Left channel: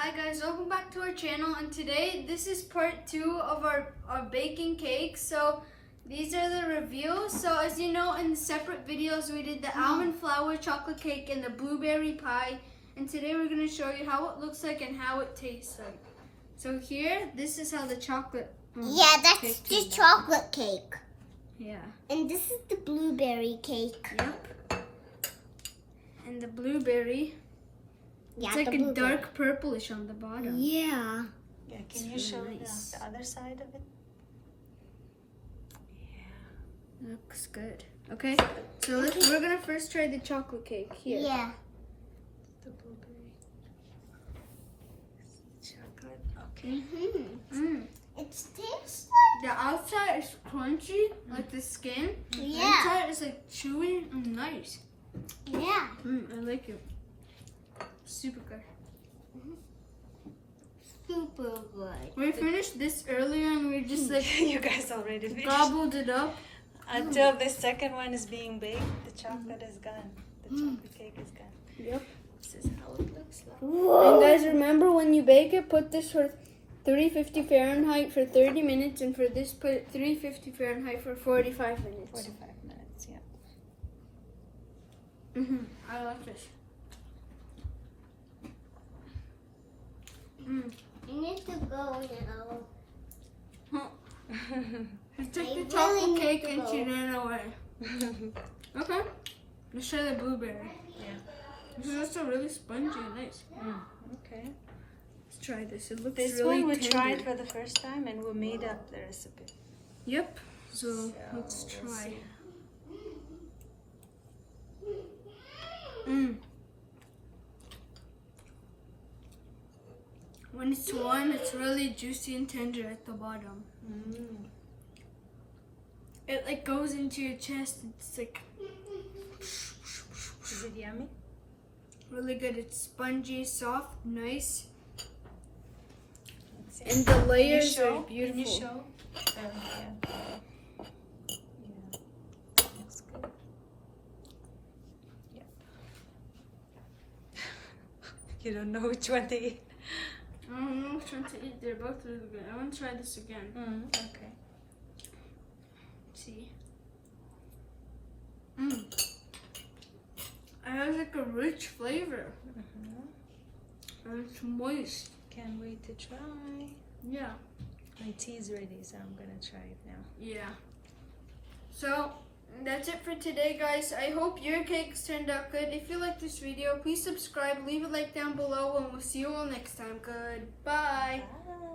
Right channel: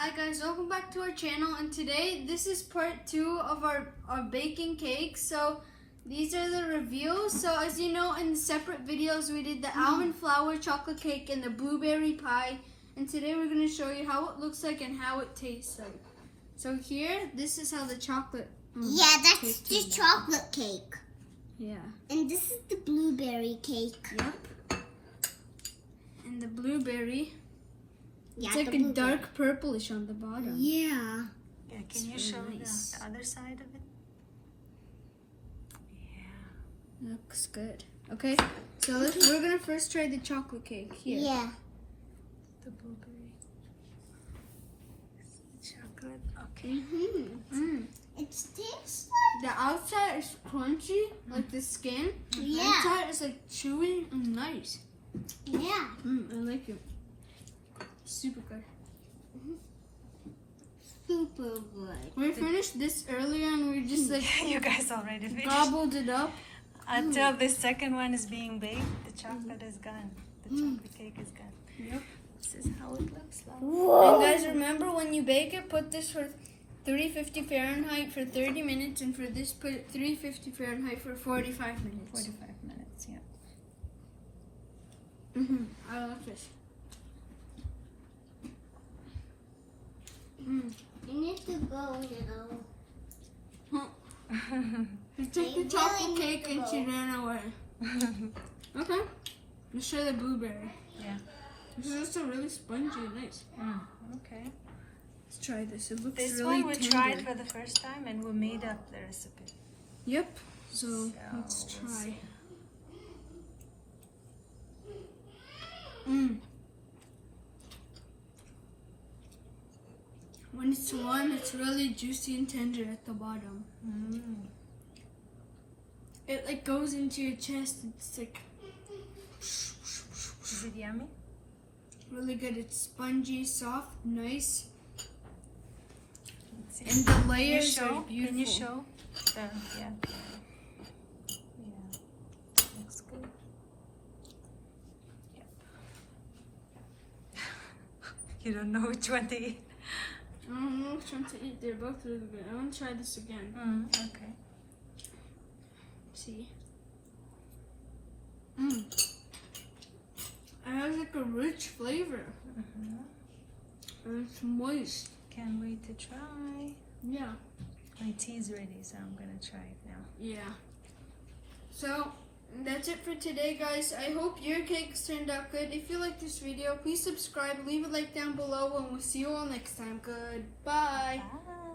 Hi guys, welcome back to our channel, and today this is part 2 of our baking cakes. So these are the reviews. So as you know, in separate videos we did the almond flour chocolate cake and the blueberry pie, and today we're going to show you how it looks like and how it tastes like. So here, this is how the chocolate that's the chocolate cake. Yeah. And this is the blueberry cake. Yep. And the blueberry, Yeah, it's like a dark purplish on the bottom. Yeah. Yeah, It's can you really show nice. the other side of it? Yeah. Looks good. Okay, so we're gonna first try the chocolate cake here. Yeah. The blueberry. Chocolate. Okay. It tastes The outside is crunchy, like the skin. The Yeah. inside is like chewy and nice. like, yeah. I like it. Super good. Super good. We finished this earlier and we just like You guys already finished. gobbled it up. Until the second one is being baked, the chocolate is gone. The chocolate cake is gone. Yep. This is how it looks like. And guys, remember when you bake it, put this for 350 Fahrenheit for 30 minutes, and for this, put 350 Fahrenheit for 45 minutes. 45 minutes, yeah. I like this. You need to go now. She took the chocolate cake and she ran away. Okay, let's try the blueberry. Yeah. This is also really spongy and nice. Okay. Let's try this. It looks This really one we tender. tried for the first time and we made up the recipe. Yep. So let's we'll try. see. When it's warm, it's really juicy and tender at the bottom. It like goes into your chest. It's like Is it yummy? really good. It's spongy, soft, nice, Let's see. and the Can you layers show? are beautiful. Can you show? Yeah. Looks good. Yep. You don't know which one to eat. I don't know which one to eat. They're both really good. I want to try this again. Okay. See. It has like a rich flavor. And it's moist. Can't wait to try. Yeah. My tea's ready, so I'm gonna try it now. Yeah. So that's it for today, guys. I hope your cakes turned out good. If you like this video, please subscribe, leave a like down below, and we'll see you all next time. Goodbye. Bye.